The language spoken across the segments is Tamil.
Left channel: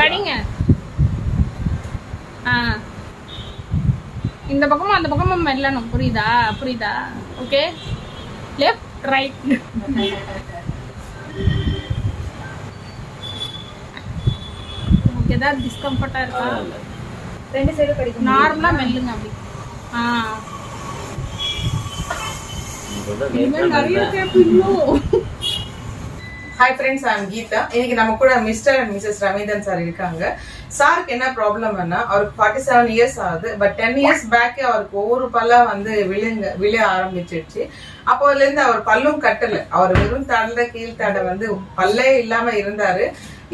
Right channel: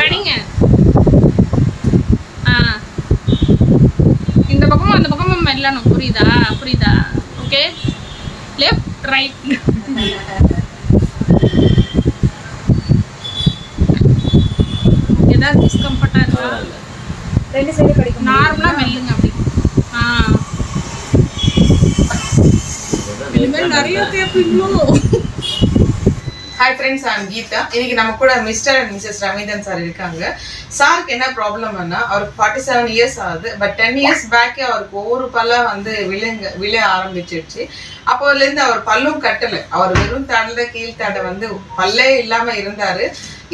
கடிங்க. இந்த பக்கமும் அந்த பக்கமும் மெல்லணும். புரியுதா? புரியுதா? ஓகே. Left right. ஏதாவது டிஸ்கம்ஃபர்ட்டா இருக்கா? ரெண்டு சைடு கடிக்கும். நார்மலா மெல்லுங்க அப்படி. இனிமேல் நிறைய கேட்பீங்களோ? Hi friends, I'm Geetha. இன்னைக்கு நம்ம கூட Mr and Mrs Ravindran sir இருக்காங்க. சாருக்கு என்ன ப்ராப்ளம்னா, அவருக்கு 47 இயர்ஸ் ஆகுது. பட் 10 இயர்ஸ் பேக்கே அவருக்கு ஒவ்வொரு பல்லா வந்து விழ ஆரம்பிச்சிருச்சு. அப்போதுலேருந்து அவர் பல்லும் கட்டலை. அவர் வெறும் தடை கீழ்த்தடை வந்து பல்லே இல்லாம இருந்தாரு.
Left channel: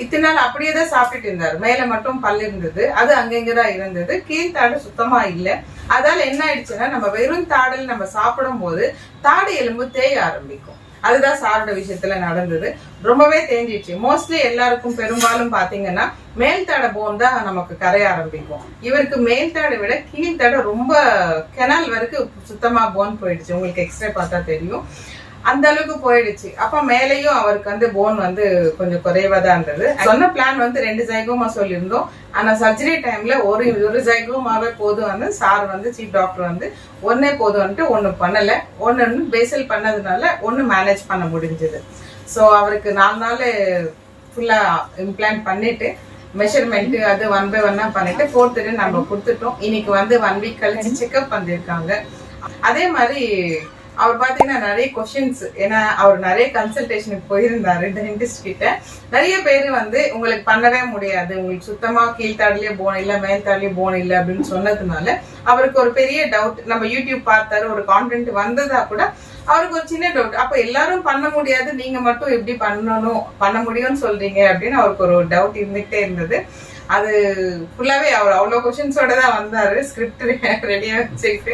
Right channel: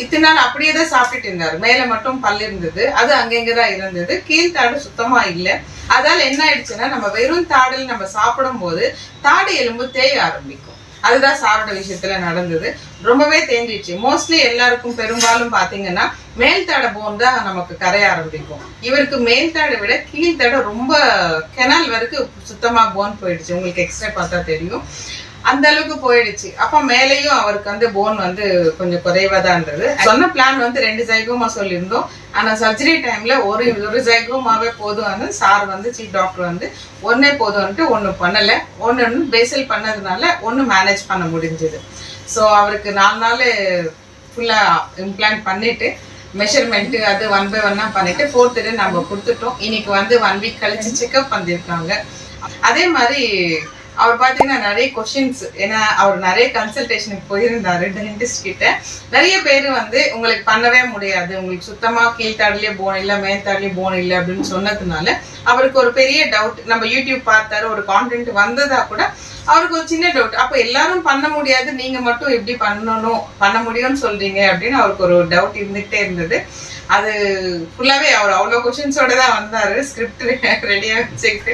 இத்தனை நாள் அப்படியே தான் சாப்பிட்டுட்டு இருந்தாரு. மேல மட்டும் பல் இருந்தது, அது அங்கங்கதான் இருந்தது. கீழ்த்தாடு சுத்தமா இல்லை. அதால என்ன ஆயிடுச்சுன்னா, நம்ம வெறும் தாடல் நம்ம சாப்பிடும் போது தாடு எலும்பு தேய ஆரம்பிக்கும். அதுதான் சாரோட விஷயத்துல நடந்தது. ரொம்பவே தேஞ்சிடுச்சு. மோஸ்ட்லி எல்லாருக்கும் பெரும்பாலும் பாத்தீங்கன்னா மேல் தாடை போன் தான் நமக்கு கரைய ஆரம்பிக்கும். இவருக்கு மேல் தாடை விட கீழ்த்தாடை ரொம்ப கெனால் வரைக்கும் சுத்தமா போன் போயிடுச்சு. உங்களுக்கு எக்ஸ்ட்ரா பார்த்தா தெரியும், அந்த அளவுக்கு போயிடுச்சு. அப்ப மேலேயும் அவருக்கு வந்து போன் வந்து கொஞ்சம் குறைவா தான் இருந்தது. சொன்ன பிளான் வந்து 2 ஜைகோமா சொல்லியிருந்தோம். ஆனா சர்ஜரி டைம்ல ஒரு ஜைகோமாவே போதும் வந்து சார் வந்து சீஃப் டாக்டர் வந்து ஒன்னே போதும்ட்டு ஒண்ணு பண்ணல. ஒன்னு பேசல் பண்ணதுனால ஒன்னு மேனேஜ் பண்ண முடிஞ்சது. ஸோ அவருக்கு 4 நாள் ஃபுல்லா இம்ப்ளான்ட் பண்ணிட்டு மெஷர்மெண்ட் அது 1 by 1 பண்ணிட்டு 4th டே நம்ம கொடுத்துட்டோம். இன்னைக்கு வந்து 1 வீக் கழிச்சு செக்அப் பண்ணிருக்காங்க. அதே மாதிரி அவர் பாத்தீங்கன்னா நிறைய கொஸ்டின்ஸ், ஏன்னா அவர் நிறைய கன்சல்டேஷனுக்கு போயிருந்தாரு டென்டிஸ்ட் கிட்ட. நிறைய பேர் வந்து உங்களுக்கு பண்ணவே முடியாது, உங்களுக்கு சுத்தமா கீழ்த்தாடுலயே போன் இல்லை மேல்தாடுலயே போன் இல்லை அப்படின்னு சொன்னதுனால அவருக்கு ஒரு பெரிய டவுட். நம்ம யூடியூப் பார்த்தாரு, ஒரு கான்டென்ட் வந்ததா கூட அவருக்கு ஒரு சின்ன டவுட். அப்ப எல்லாரும் பண்ண முடியாது, நீங்க மட்டும் எப்படி பண்ண முடியும்னு சொல்றீங்க அப்படின்னு அவருக்கு ஒரு டவுட் இருந்துகிட்டே இருந்தது. அது ஃபுல்லாவே அவர் அவ்வளோ கொஸ்டின்ஸோட தான் வந்தாரு. ஸ்கிரிப்ட் ரெடியா வச்சுக்கிட்டு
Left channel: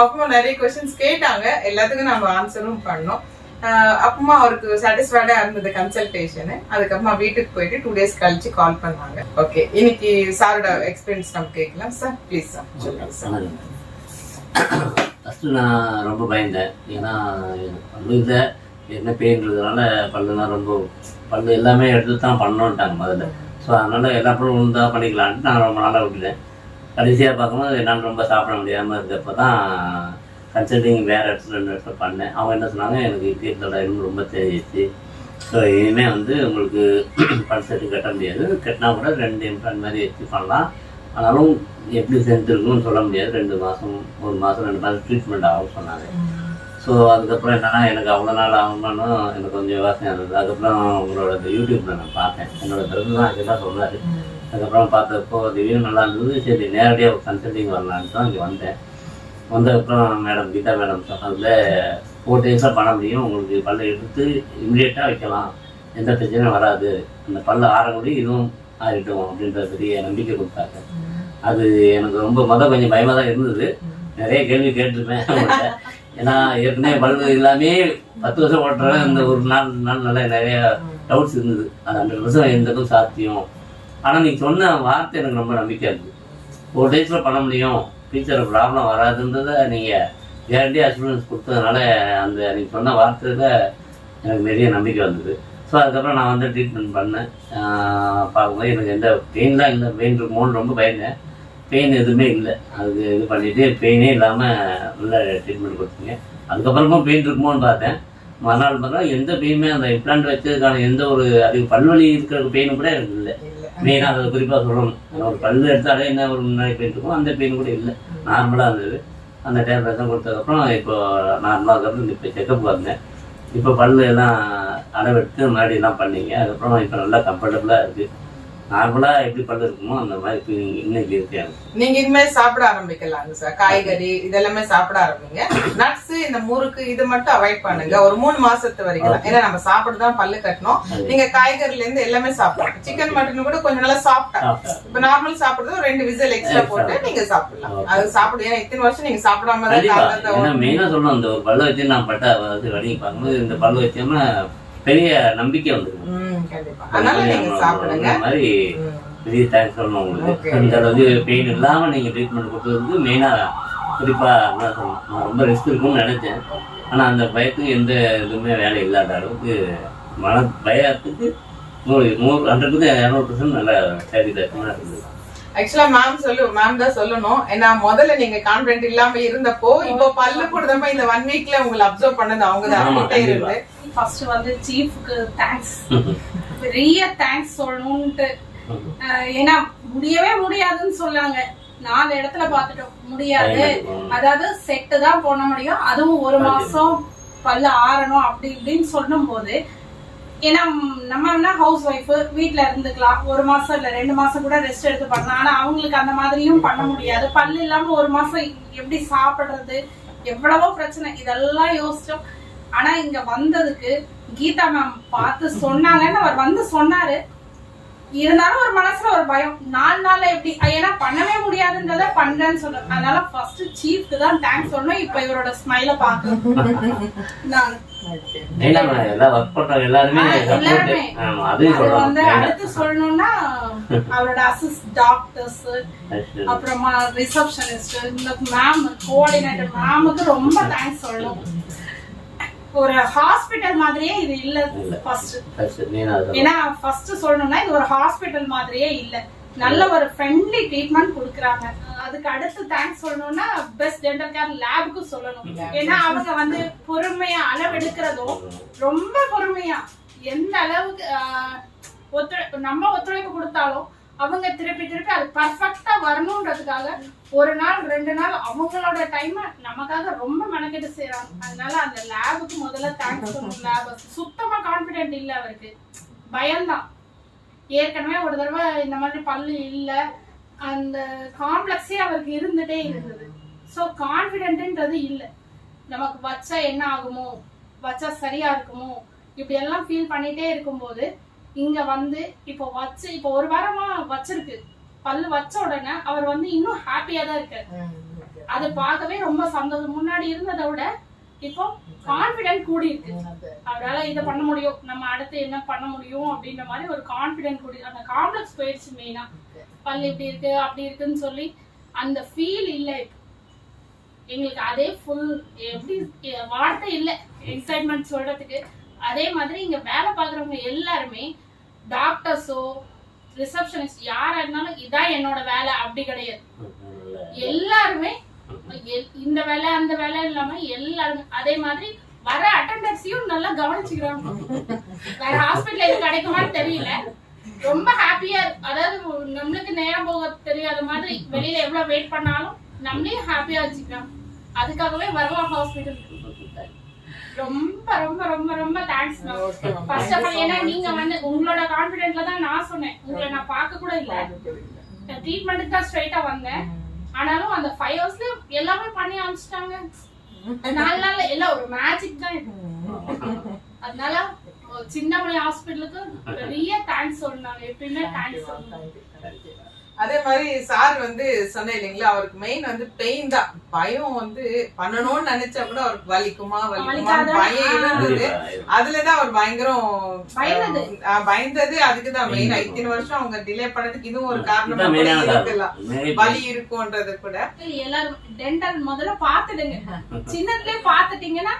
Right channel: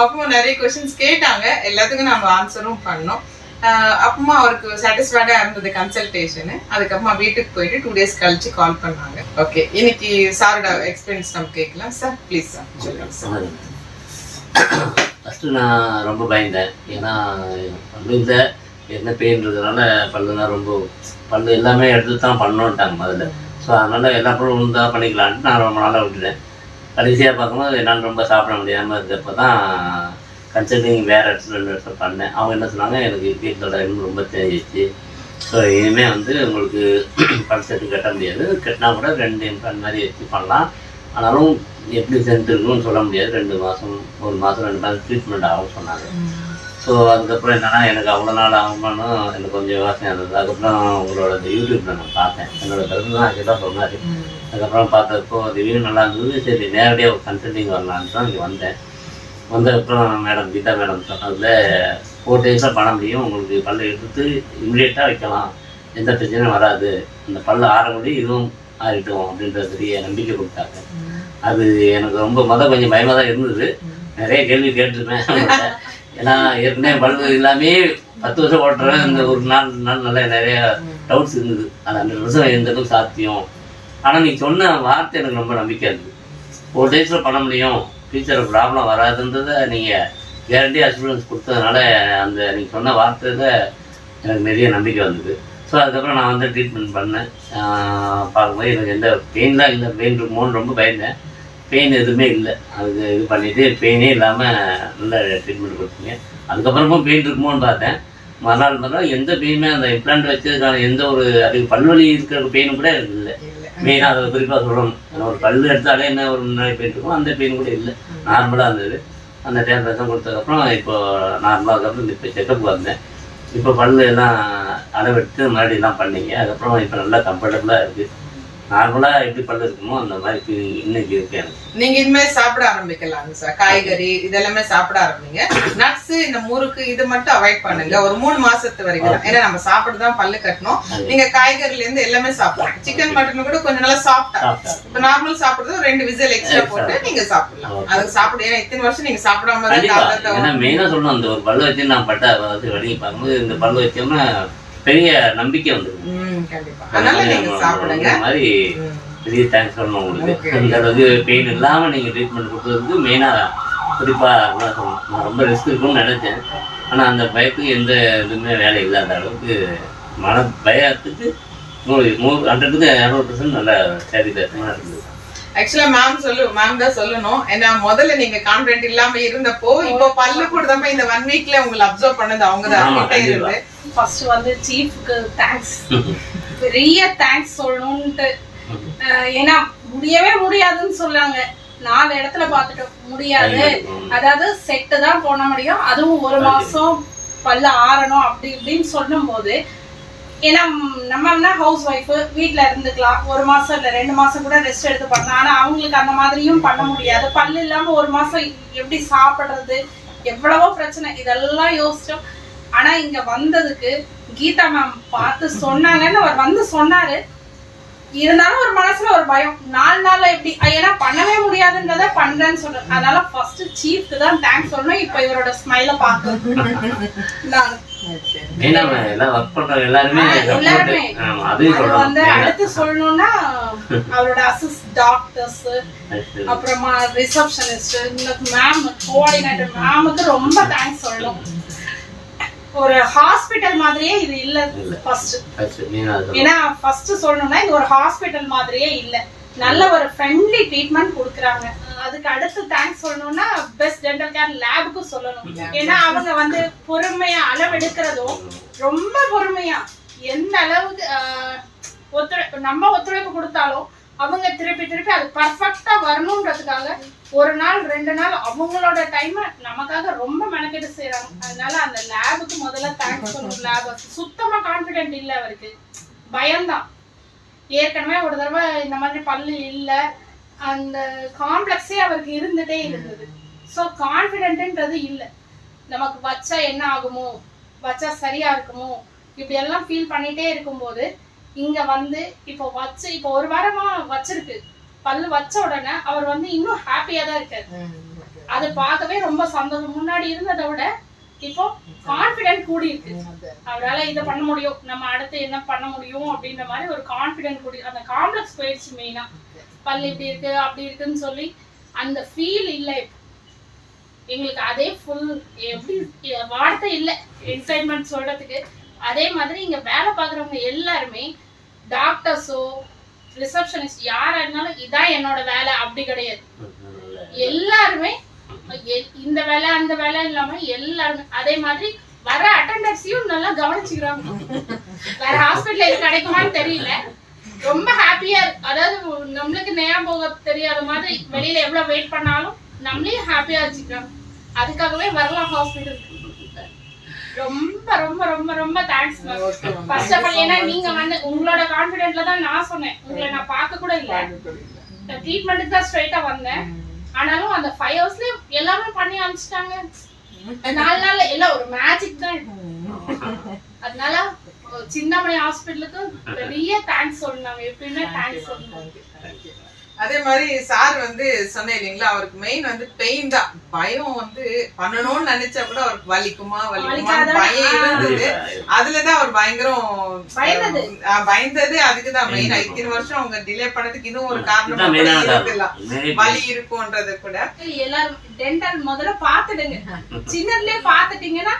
அப்பவும் நிறைய கொஸ்டின்ஸ் கேட்டாங்க. எல்லாத்துக்கும் நம்ம ஆன்சரும் பண்ணோம். அப்பமா அவருக்கு சாட்டிஸ்ஃபைடா இருந்தது கன்சல்டேஷன். அதுக்கப்புறமா வீட்டுக்கு போயிட்டு 2 days கழிச்சு கால் பண்ணாங்க. ஓகே, இன்னைக்கு சாரோட எக்ஸ்பீரியன்ஸ் நம்ம கேட்கலாம். சார் ப்ளீஸ் சார் சொல்லுங்க சார். ஃபஸ்ட்டு நான் ரொம்ப பயந்தேன். ஏன்னா பல்லுல என்ன பெயின் இருக்கிறதுனால பல்லுலாம் ரொம்ப பல்லு எல்லாமே எடுத்து தான் பண்ணோன்ட்டாங்க முதல்ல. ஸோ அதனால் எல்லா பொருளும் உண்டாக பண்ணிக்கலான்ட்டு நான் ரொம்ப நாளாக விட்டுட்டேன். கடைசியாக பார்க்கும்போது என்னால் ரொம்ப சாப்பிட முடியாமல் இருக்கப்போ தான் கன்சல்டிங் வேறு இடத்துல 2 இடத்துல பண்ணேன். அவங்க என்ன சொன்னாங்க, எனக்கு கீழோட எலும்பு ரொம்ப தேஞ்சிச்சு. ஸோ இனிமேல் வந்து உங்களுக்கு பல் செட்டு கட்ட முடியாது, கட்டினா கூட 2 இம்ப்ளான்ட் மாதிரி வச்சு பண்ணலாம். ஆனாலும் எப்படி சென்ட் இருக்குன்னு சொல்ல முடியாது. 2 மாதம் 1 மாதம் 2 மாதம் ட்ரீட்மெண்ட் ஆகும் சொன்னாங்க. ஸோ அதுக்கப்புறம் என்னென்னா, எனக்கு அவ்வளோ நாள் ஆகணும்னு எனக்கு கொஞ்சம் யோசனை இருந்தது. அதுக்கப்புறம் உங்களோட இந்த யூடியூப்பில் நான் பார்த்தேன். என்னோட கருத்து தான் அதுதான் சொன்னார். அதுக்கப்புறம் பார்த்தப்போ ரிவ்யூ நல்லா இருந்தது. சரி, நேரடியாக ஒரு கன்சல்டிங் வரலான்னு தான் இங்கே வந்தேன். வந்ததுக்கப்புறம் மேடம் கீதா மேடம் சொன்னதில் 4 days பண்ண முடியும், உங்களுக்கு பல்லை எடுத்து இம்மிடியேட்டாக வைக்கலாம், எந்த பிரச்சனையும் வராது, இந்த பல்ல ஆரம்பி இதுவும் ஆகிட்டோம் அப்படின்ற பெரிய நம்பிக்கை கொடுத்தாங்க. அது எனக்கு ரொம்ப கொஞ்சம் பயமாக தான் இருந்தது. நிறைய கேள்வி கேட்டிருப்பேன். ஏன்னா ஏற்கனவே பல்பு எல்லாமே 10 வருஷம் ஓட்டுறேன். இந்த ஒரு நாள் நல்லா நிறைய டவுட்ஸ் இருந்தது. அது 100 வருஷம் எந்த அளவுக்கு சாத்தியம். ஆனால் நீங்கள் சொன்ன வார்த்தை எனக்கு ரொம்ப நம்பிக்கை இருந்தது. 4 days பண்ண முடியும், ஃபியூச்சரில் ப்ராப்ளம் வராதுன்றதை நீங்கள் கேரண்டி அசூரன்ஸ் கொடுத்ததுனால அந்த நீங்கள் சொன்ன வார்த்தையில் எனக்கு நிறைய நம்பிக்கை வந்தது. ஸோ அதுக்கப்புறம் நான் வந்து ட்ரீட்மெண்ட் பண்ணேன். பார்க்கும்போது எனக்கு எந்த பெயின்லாம் இல்லை. பெயின் இருக்குமோன்னு ரொம்ப பயந்தேன். பெயின் எதுவுமே இல்லை. அதுக்கு இது பண்ணிவிட்டு பெயினே இல்லாமல் நல்ல ட்ரீட்மெண்ட் கொடுத்தீங்க. அதுக்கப்புறமா பெயின் இருக்குமோன்னு பார்த்தேன். மறுநாள் பார்த்தா எந்த பெயினுமே அந்த இம்ப்ளான்ட் வச்சதுக்கான எந்த ஒரு அதுக்கு பல்வலி இருக்கிற பெயினும் கூட எனக்கு இல்லை. மெயினாக அதை குறிப்பாக சொல்லணும். ஒரு பல் எடுத்தாலே என்ன ஒரு முன்னாடி பெயின் இருக்கும், அந்த பெயின் கூட இல்லை, நார்மலாக இருந்தது. அந்த டேப்லெட்லாம் கொடுத்ததுக்கப்புறம் இப்போ நார்மலாக அதுக்கப்புறம் இப்போ செக்கப் வந்தேன். இப்போ பல் எல்லாம் அளவெடுத்து மறுபடியெல்லாம் பண்ணிங்க. அதுக்கப்புறம் இப்போ நல்லா கம்ஃபர்டபுளாக இருக்குது. நார்மலாக எப்படி பல்லு இருக்குமோ அந்த மாதிரி இன்னைக்கு இருக்கு. நீங்க இனிமேல் சாப்பிட ஆரம்பிக்கலாங்க சார். காய்கறி இதெல்லாமே சாப்பிட ஆரம்பிங்க. நட்ஸ், இந்த முறுக்கு இது மட்டும் அவாய்ட் பண்ணுங்க ஒரு 3 மாசத்து வரைக்கும். ஏன்னா நம்ம சாப்பிட்டுதான் பல்லு கட்டணும். நீங்க காய்கறில இருந்து எல்லாமே சாப்பிடலாம். சிக்கன் மட்டன் கூட கொஞ்சம் நல்லா சாப்பிட்டா, இப்ப நார்மல் சாப்பிடுறது ஒரு 2 விசில் எக்ஸ்ட்ரா போட்டு நீங்க சாப்பிடலாம். அது சாப்பிடு. ஏன்னா இத்தனை வருஷம் நீங்க சாப்பிடாம மெயினா சொல்லணும். அந்த ஒரு பல்லு வச்சு நான் பட்ட வடிங்க பார்க்கும்போது இந்த பல்லு வச்சோம்னா பெரிய நம்பிக்கை வந்துருக்கு. மாதிரி பெரிய தேங்க்ஸ் சொல்லணும் உங்களுக்கு. அந்த அளவுக்கு பெயின் இல்லாமல் நீங்கள் ட்ரீட்மெண்ட் கொடுத்தது மெயினாக குறிப்பாக சொல்லணும். நான் ரொம்ப ரிஸ்க் இருக்குன்னு நினச்சேன். ஆனால் அந்த பயத்துக்கு எந்த இதுவுமே வேலை இல்லாத அளவுக்கு பயத்துக்கு 100க்கு 200% நல்ல சாட்டிஸ்ஃபேக்ஷனாக இருக்குது. ஆக்சுவலா மேம் தான் சொல்லணும். ஏன்னா முதல்ல நீங்க கான்ஃபிடென்ட் இல்லாம இருந்தப்போ இப்போ பல்லு கூடதப்ப இந்த 1 வீக்ல உங்களை அப்சர்வ் பண்ணது அவங்க தான் கிட்ட இருந்து. ஃபர்ஸ்ட் வந்து சீஃப்க்கு தேங்க்ஸ், பெரிய தேங்க்ஸ் சொல்லணும்ட்டு. ஏன்னா முடியவே முடியாதுன்னு சொல்லாங்க. 4 இடத்துல பார்த்துட்டோம், முடியாது. அதாவது செட்டு தான் போட முடியும், அதுவும் 1 மாசம் பல்ல ஆறணும் அப்படி இப்படின்னு சொல்லும் போது, ஏன்னா நம்ம ஹவுஸ் ஒய்ஃப் வீட்டுல இருந்துக்கலாம், 1 மாசம் இல்ல 2 மாசம் கூட ரெஸ்ட் எடுத்து பண்ணலாம். ஆனா அவங்களுக்கு அந்த மாதிரியும் பண்ண முடியாது. பல்லு இல்லாம 1 மாசம் எப்படி சாப்பிடுறது, எவ்வளவோ பிரச்சனை, இதெல்லாம் யோசிச்சோம். ஆனா இங்க வந்ததுக்கு கீதா மேம் பார்த்து சொன்னாங்கன்னு அவர் வந்து சொன்னாரு. இருந்தாலும் ஒரு மனசுல ஒரு பயம், 4 நாள்ல எப்படி, ஏன்னா பண்ணவே முடியாதுன்றத பண்றேன்னு சொல்றேன். அதனால ஃபர்ஸ்ட் சீஃப்க்கு தான் தேங்க்ஸ் சொல்லணும். இப்போ இவரோட ஸ்மைல பாக்குறேன். அடுத்து சொல்லணும்னா அவரோட அசிஸ்ட் டாக்டர்ஸ், அப்புறமா ரிசப்ஷனிஸ்ட், மேம் கோஆர்டினேட்டர் மேமுக்கு ரொம்ப தேங்க்ஸ் சொல்லணும். ஒரு ஹாஸ்பிட்டல் மாதிரியே இது இல்ல. ஃபர்ஸ்ட் ஏன்னா ஃபர்ஸ்ட் சொல்லணும்னா இது ஒரு ஹாஸ்பிட்டல் மாதிரியே இல்ல. நல்ல ஒரு ஃப்ரெண்ட்லி ட்ரீட்மெண்ட் கொடுக்குறாங்க. அதுக்கு அடுத்து தேங்க்ஸ் சொல்லணும்னா பெஸ்ட் டென்டல் கேர் லேபுக்கு சொல்லணும். ஏன்னா அவங்க வந்து பொறுமையா அளவெடுக்கிறதும் ரொம்ப பொறுமையா, எந்த அளவுக்கு நம்ம ஒத்துழைப்பு கொடுத்தாலும் அவங்க திருப்பி அது பர்ஃபெக்டா வரணும்ன்றதுக்காக 1 நாள் 2 நாள் அவங்களோட டைம் நமக்காக ரொம்ப மெனக்கெட்டு செய்யறாங்க. அதனால அந்த லேபுக்கு முதல்ல தேங்க்ஸ் சொல்லணும். லேப் சுத்தமா கான்பிடென்ட் இல்ல, அவருக்கு பயம்தான். ஏற்கனவே ஒரு தடவை இந்த மாதிரி பல்லு இல்ல, அந்த காம்ப்ளெக்ஸே அவருக்கு இருந்துட்டே இருந்தது. ஸோ கான்பிடென்ட்ன்றது இல்ல. நமக்கு வச்சா என்ன ஆகுமோ, வச்சா சரியா இருக்குமோ, இப்படி எல்லாம் ஃபீல் பண்ணிட்டே இருக்கும்போது இங்க வந்து இப்போ 1 வாரமா வச்சிருக்கு. பல்லு வச்ச உடனே அவர் வந்து இன்னும் ஹாப்பியா தான் இருக்காரு. அது பார்க்கவே ரொம்ப சந்தோஷம். முன்னாடி இருந்ததை விட இப்போ கான்பிடென்ட் கூடி இருக்கு. அவரால இதை பண்ண முடியும், நம்ம அடுத்து என்ன பண்ண முடியும் அப்படின்ற மாதிரி ஒரு கான்பிடென்ட் கூடி, அந்த காம்ப்ளெக்ஸ் போயிடுச்சு. மெயினா பல்லு இப்படி இருக்கு அப்படி இருக்குன்னு சொல்லி அந்த ஃபீல் இல்ல எங்களுக்கு. அதே ஃபுல் எப்படி வார்த்தை இல்ல எக்ஸைட்மெண்ட் சொல்றதுக்கு. அதே மாதிரி இங்க வேலை பாக்குறவங்க எல்லாருமே, டாக்டர்ஸோ ரிசப்ஷனிஸ்ட் யாரா இருந்தாலும் இதான் என்னோட வேலை அப்படி கிடையாது. எல்லாருமே இந்த வேலை அந்த வேலை இல்லாம எல்லாருமே அதே மாதிரி வர அட்டெண்டர்ஸையும் நல்லா கவனிச்சுக்கிறாங்க. வேற ஹாஸ்பிட்டல்ல இது கிடைக்குமான்னு தெரியல, ரொம்ப ஹாப்பியா. அதாவது நம்மளுக்கு நேரம் போக தெரியாத மாதிரி வெளியில எவ்வளவு வெயிட் பண்ணாலும் நம்மளையும் ஹாப்பியா வச்சுக்கிறாங்க. அதுக்காகவே வரலாம் ஹாஸ்பிட்டலுக்கு. ரொம்ப ரொம்ப ரொம்ப ரொம்ப thanks ma'am. First of all ஏன்னா நீங்க வந்து உங்களோட கான்ஃபிடென்ட்ல தான் நான் சொன்னேன், உங்களை நான் பார்க்க கூட இல்ல, நான் ட்ரீட்மெண்ட்டுக்கு தான் ஸ்ட்ரைட்டா வந்தேன். ஆனாலும் அந்த 5 ஹவர்ஸ்ல எல்லாமே பண்ணி அனுப்பிச்சிட்டாங்க. 4 நாள்ல எல்லாம் ஒரு மேஜிக் தான். அதனால சின்னமணி ஹாஸ்பிட்டலுக்கு பெரிய தேங்க்ஸ் சொன்னாங்க. எப்பயுமே தேங்க்ஸ் சொன்னாங்க. அதே மாதிரி சார் வந்து சொன்னேன் இல்லைங்களா, அவருக்கு மெயின் வந்து பெயின் தான். பயம் வந்து பண்ணணும்னு நினைச்சா கூட அவருக்கு வலிக்குமா பயம் இருந்தது. அதுலதான் அவர் பயங்கரம் பயந்தது. அதுக்குதான் மெயின். 5 வருஷம் அவங்க டிலே பண்ணதுக்கு இதுவும் ஒரு காரணம் இருக்கலாம், வலி இருக்கும்ன்றது கூட. எல்லாரும் டென்டல் முதல்ல பாத்துடுங்க, சின்னதுலயே பாத்துட்டீங்கன்னா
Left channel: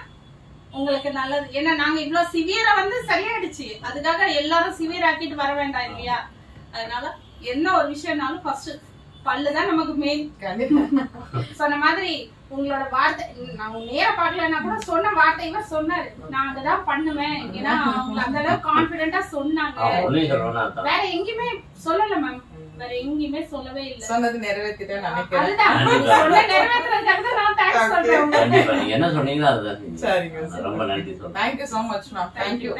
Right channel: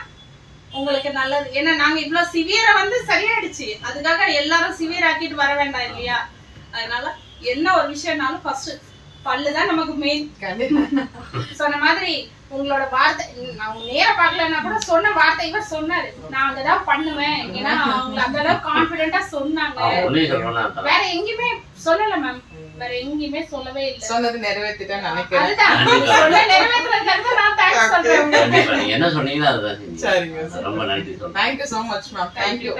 உங்களுக்கு நல்லது. ஏன்னா நாங்க இவ்வளவு சிவியரா வந்து சரியாயிடுச்சு, அதுக்காக எல்லாரும் சிவியர் ஆக்கிட்டு வர வேண்டாம் இல்லையா. அதனால என்ன ஒரு விஷயம்னாலும் ஃபர்ஸ்ட் பல்லுதான் நமக்கு மெயின். சொன்ன மாதிரி உங்களோட வார்த்தை நான் நேர பார்க்கலன்னா கூட சொன்ன வார்த்தை இவர் சொன்னாரு, நான் அங்கதான் பண்ணுவேன். ஏன்னா அவங்க அந்த அளவுக்கு கான்பிடென்டா சொன்னாங்க. வேற எங்கேயுமே சொல்லல மேம், வேற எங்கேயுமே சொல்லவே இல்லை. சொன்னது நிறைவேற்றிட்டா நினைக்கிறேன். அதுதான் சொன்ன நிறைவேற்றுறதுக்கு நான் தேங்க்ஸ் சொல்றேன். என்ன சொன்னீங்களோ அதுதான். சரிங்க, ரொம்ப நன்றி. Thank you so much ma'am. Thank you.